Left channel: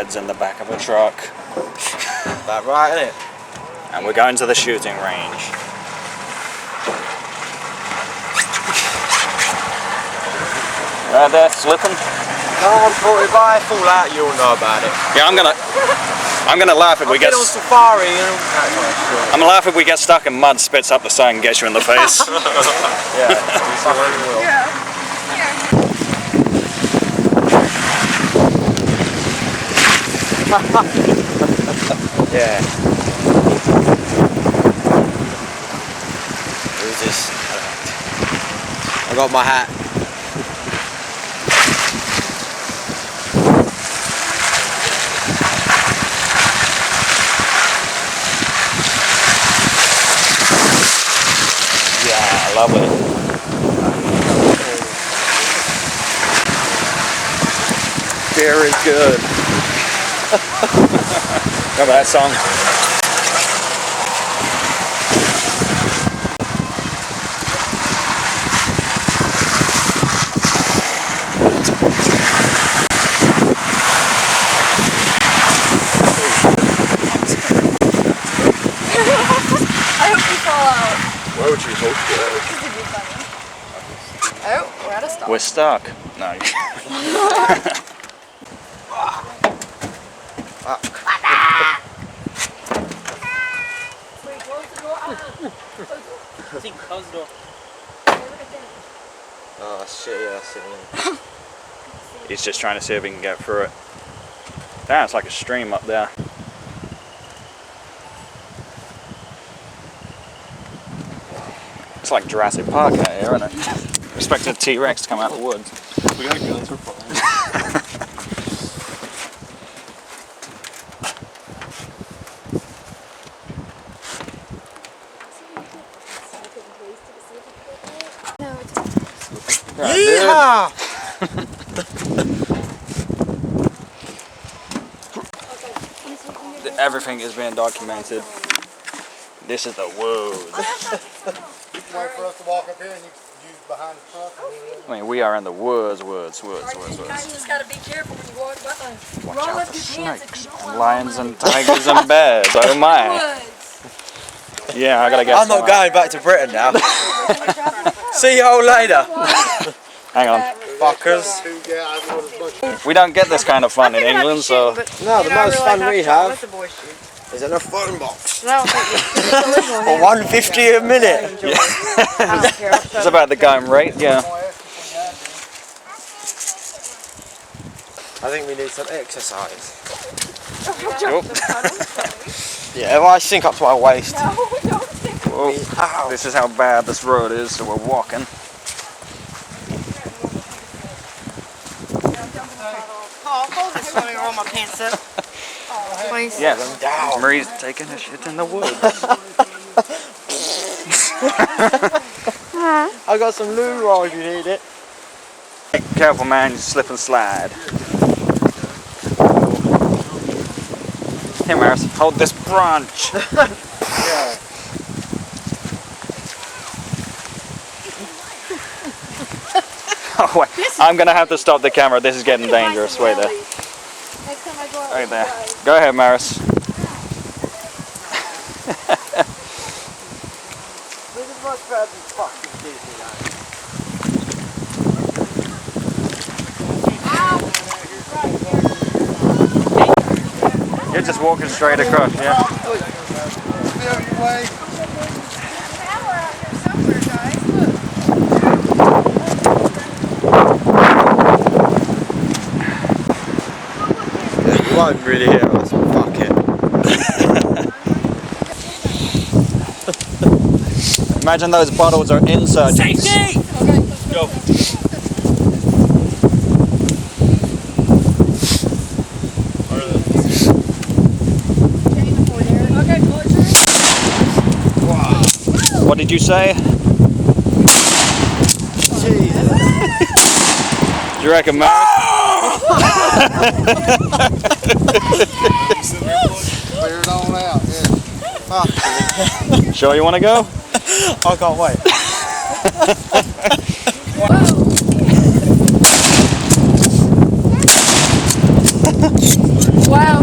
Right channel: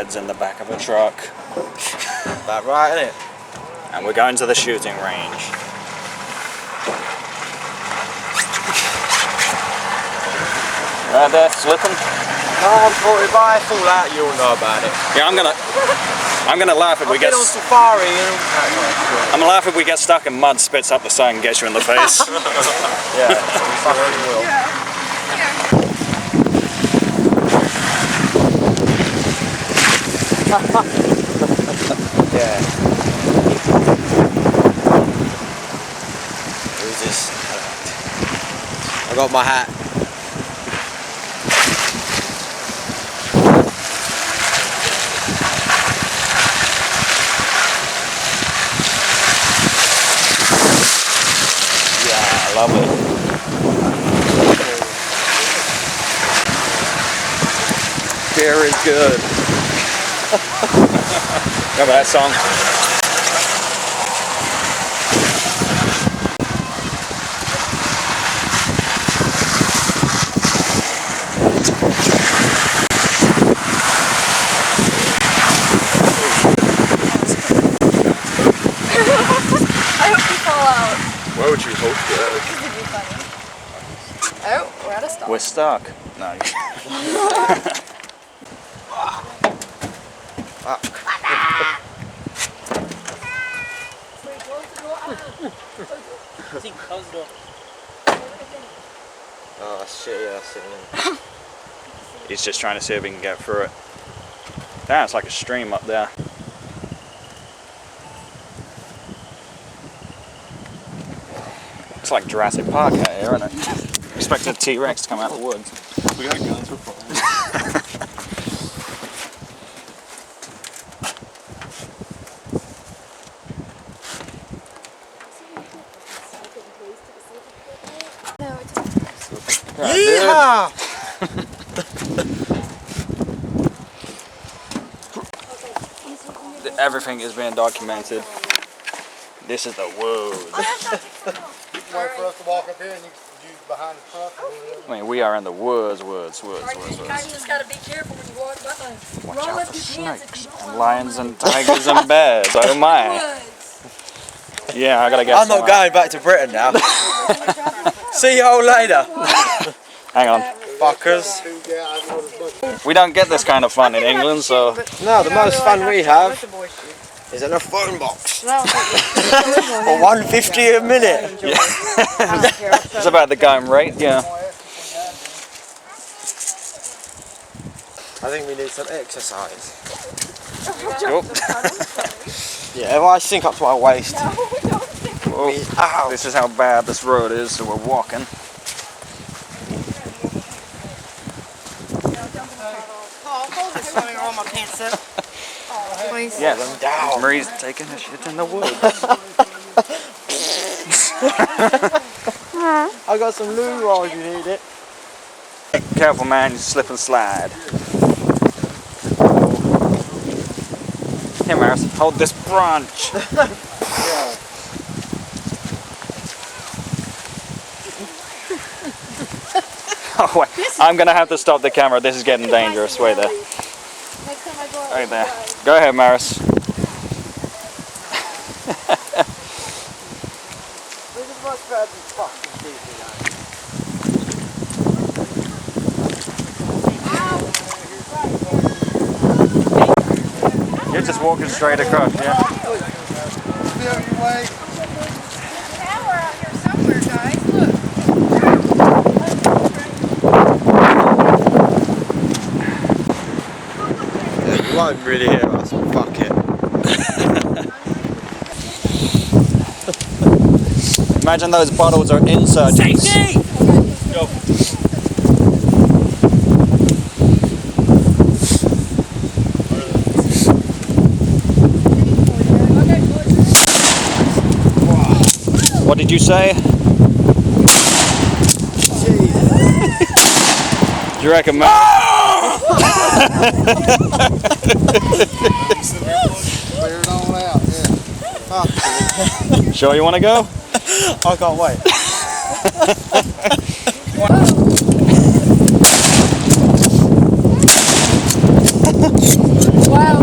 heads in the back of a truck. That right, isn't it? And we're going to the shooting range. Right there, slipping. No, I'm caught. If I fall out, you'll know about it. Yeah, I'm gonna laugh if we get on safari. I'm gonna laugh if we get stuck and mud spits up the side and gets you in the face. Yeah, we fucking will. Yeah. Who's this? I got my hat. Yeah, lovely. Very good. Remember that song? I hope you fall out. Why would you hope that? This would be funny. Oh, we're at a stop. We're stuck. No. Oh shit, yeah, that's it. He's just trying to see if he can get through it. Damn, it's like a stream up there. It's like Jurassic Park out here, isn't it? Expecting a T-Rex to come out of the woods. We got guns, we're fine. Yeehaw! Everything is being documented. This is the woods. Wait for us to walk up here and you behind the truck. I mean, we are in the woods. You just gotta be careful when you walk behind. Watch out for snakes and lions and tigers and bears. Oh my. Yeah, I gotta get I'm not going back to Britain now. See you all later. Hang on. Fuckers. We don't get this kind of fun in England, so... No, the most fun we have is in a phone box. For $1.50 a minute. Yeah. It's about the going rate, yeah. I think we need some exercise. Oh. Yeah, if I sink up to my waist. No, don't think. Whoa. Ow. This is how bad this road is, so we're walking. Roll my pants up. Please. Yes, Marie's taking a shit in the woods. I got some loo roll if you need it. Be careful, man, you slip and slide. Oh. Here, Maris, hold this branch. Yeah. Oh, wait. I'm going to have to stop the camera. This is getting dangerous. Wait there. Next time I go out, Right there. Go ahead, Maris. This is much better than fucking Disneyland. You're just walking straight across, yeah? Feel your way. Now we're out here somewhere, guys. Look. Yeah, you won't really hear us. Fuck it. Imagine those bottles are insurgents. Safety! Go. What did you say? Jesus. Do you reckon, Maris? Clear it on out, yeah. Fuck. Sure you want to go? I can't wait. Wow.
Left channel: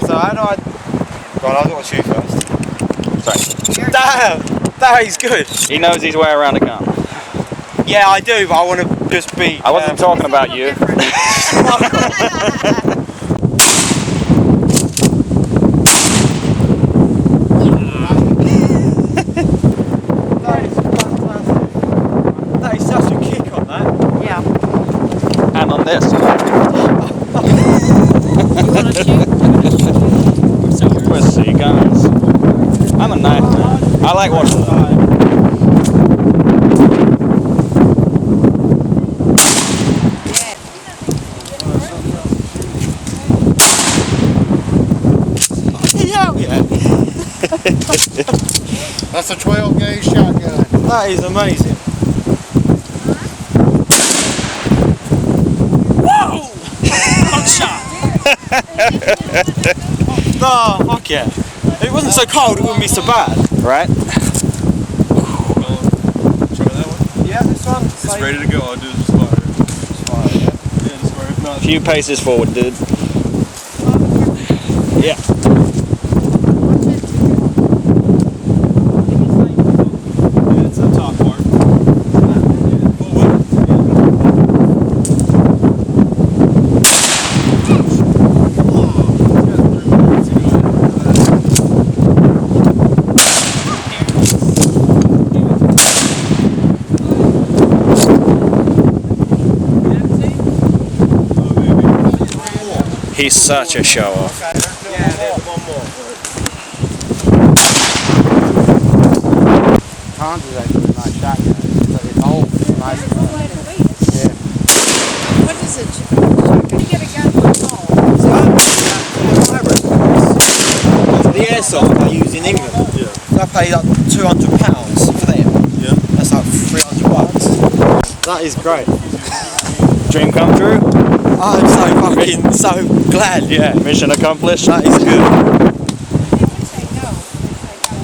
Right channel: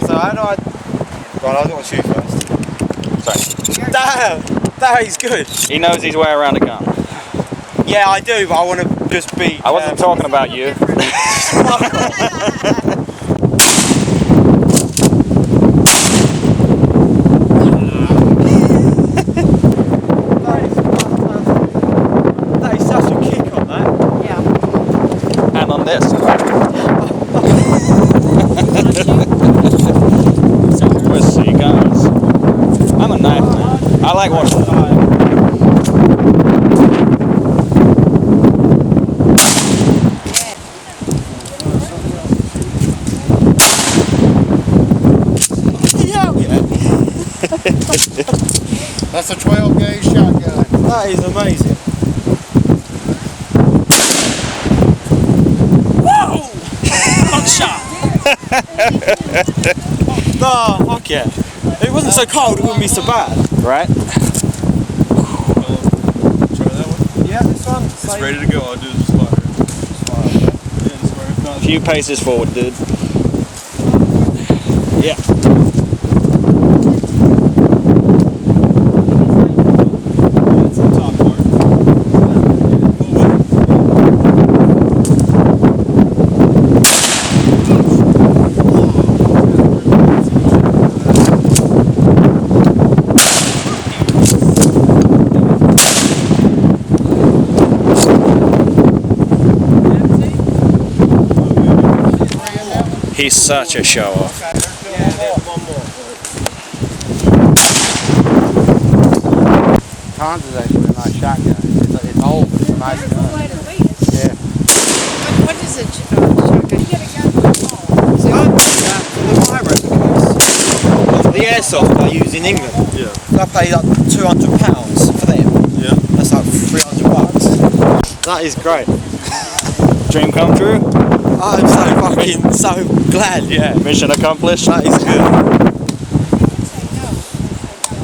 So how do I... Right, I've got to shoot first. Sorry. Damn! That is good. He knows his way around a gun. Yeah, I do, but I want to just be... I wasn't talking about you. That is fantastic. That is such a kick on that. Yeah. And on this. You want to shoot? We'll see guns. I'm a knife man. I like watching them. Hell yeah! That's a 12 gauge shotgun. That is amazing. Whoa! Hot shot! Oh, fuck yeah. If it wasn't so cold, it wouldn't be so bad. Right? Try that one. Yeah, this one. It's ready to go. I'll do just fire. Fire, yeah. Yeah, just fire. If not, A few paces forward, dude. Yeah. yeah, it's the top part. Forward. He's such a show off. Yeah, there's one more. Hans is actually a nice shotgun. It's old, but it's a nice gun. Yeah. What is a shotgun? You get a gun for a ball. See, I paid that for the my records. The airsoft I use in England. Yeah. I paid like £200 for them. Yeah. That's like $300. That is great. Dream come true? I'm so fucking so glad, yeah. Mission accomplished. That is good. They would say no.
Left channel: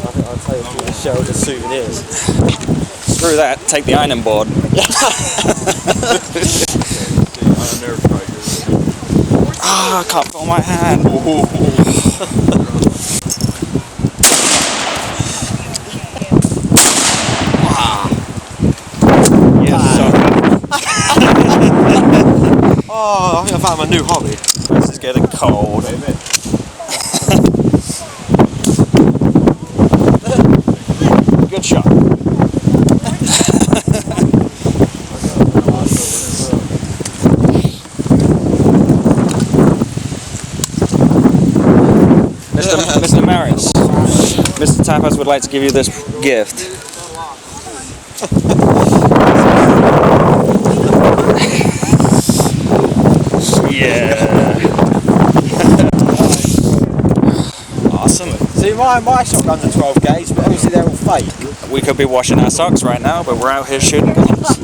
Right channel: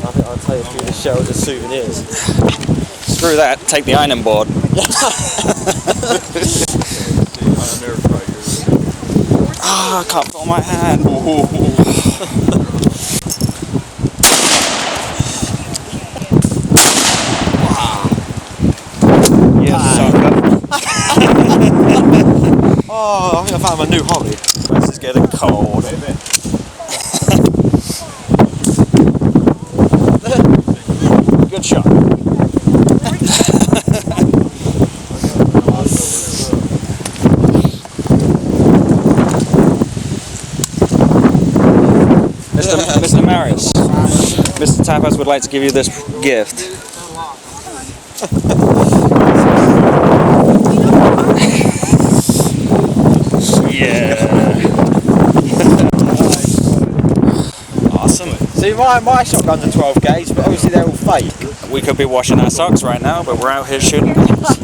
I think I'll take you through the shelter souvenirs. Screw that. Take the ironing board. I never tried yours. Ah, I can't feel my hand. Yes, sucker. Oh, I think I found my new hobby. This is getting cold. Good shot. Mr. Marius, Mr. Tapas would like to give you this gift. Yeah. Awesome. See, my shotguns are 12 gauge, but obviously they're all fake. We could be washing our socks right now, but we're out here shooting guns.